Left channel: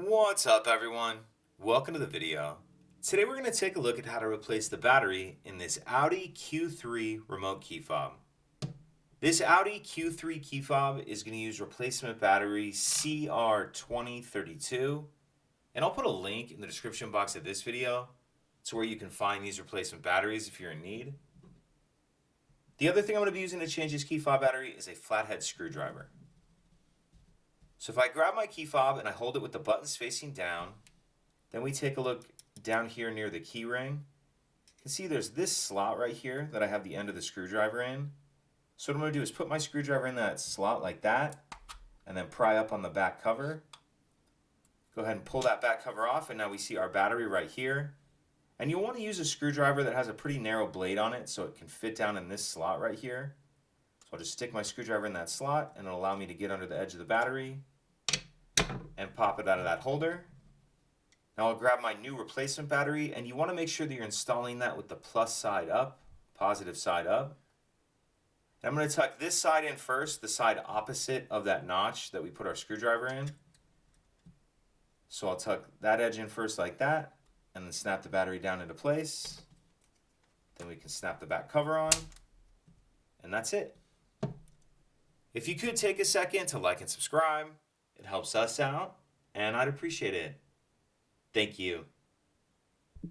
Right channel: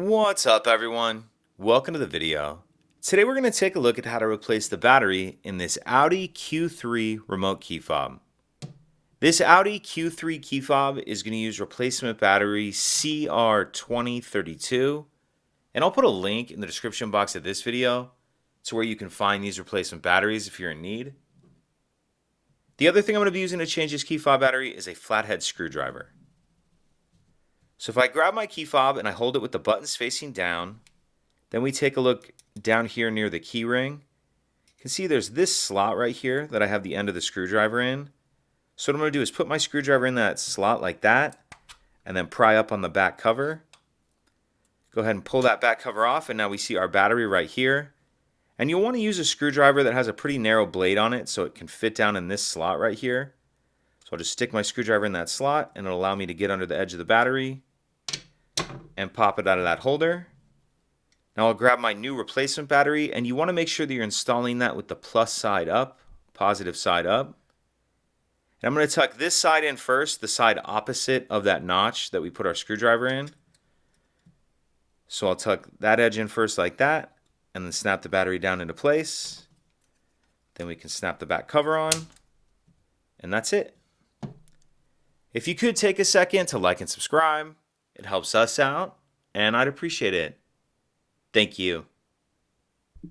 What's up, everyone? Welcome to the video. Today we're going to take a look at how to replace the battery in this Audi Q3 remote key fob. This Audi Q3 key fob is going to use replacement battery CR2032, and I'll put a link in the description box of this video to where you can find these replacement batteries if you're in need. The other thing I'm going to be using to change this key fob battery is a flathead screwdriver. So if I grab my key fob and I hold it with the buttons facing down, then we take a look down here near the key ring. You can see there's this slot right here that I have the end of the screwdriver in. So what I'm going to do is put my screwdriver in that slot like that, and then pry up on the back cover. Go ahead and pull that back cover off, and now we see our battery right here. And you'll want to use a screwdriver that has a pretty narrow blade on it so it can fit down in this slot right here. So I'll just stick my screwdriver in that slot, and it'll allow me to get under the edge of the battery and pop it out of that holder. Now I'll grab my new replacement battery, and you want to make sure that you're installing that with the plus side up, positive side up. And I'm going to tuck this side in first, the side opposite of that notch that we put our screwdriver in. So I'll tuck that edge in first like that, and then snap the battery down into place. Then we can snap the back cover on, and that's it. If you could take a second to like and subscribe, it helps us out, and I'd appreciate it. Thank you.